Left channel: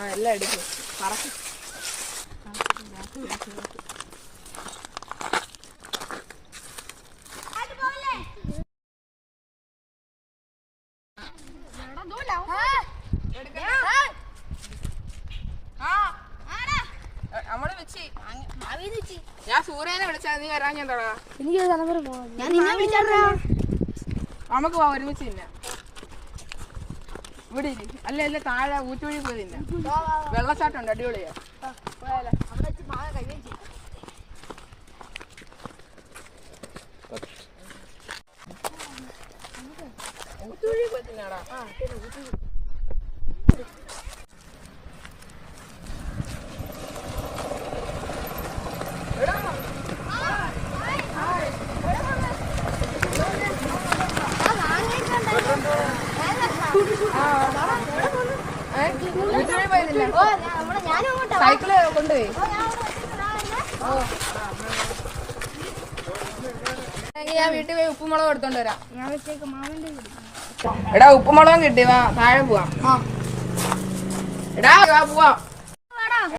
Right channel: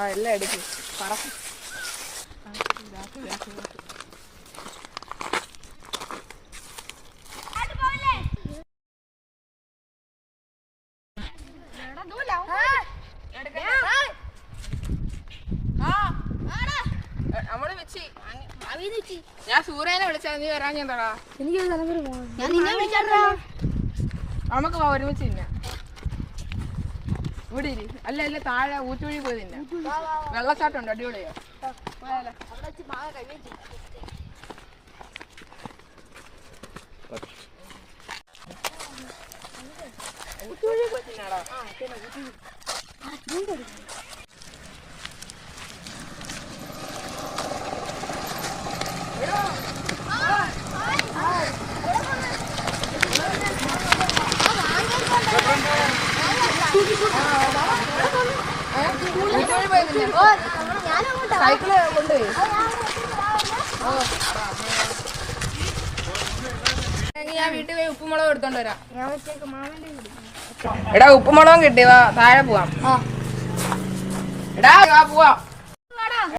എല്ലാം എടുക്കും പറക്കും. നമ്മള് വെച്ച് ഞാൻ സൂര്യനെ വിളിച്ചാ നീ വരാൻ എന്താടാ? നമുക്ക് പോവാ ഒരുമിച്ച് തിന്ന. ഇവിടെ ഇരി. അല്ല അല്ല താഴെ ഊറ്റുവഴി പോയി തിന്ന. വെള്ളച്ചാട്ടം ഉണ്ട്, അടിപൊളിയാ. ഊറ്റുവഴി പോയി തിന്നാടാ. സൈക്കിള് കൊണ്ടുപോയി. ഞാൻ വീട്ടിൽ പോയി ഉപ്പുമുളക് എടുത്തോണ്ട് വരാം. എടാ ഉപ്പുമുളകും കിട്ടി, വാ താഴെ പോവാം. എടാ വാ പോവാം.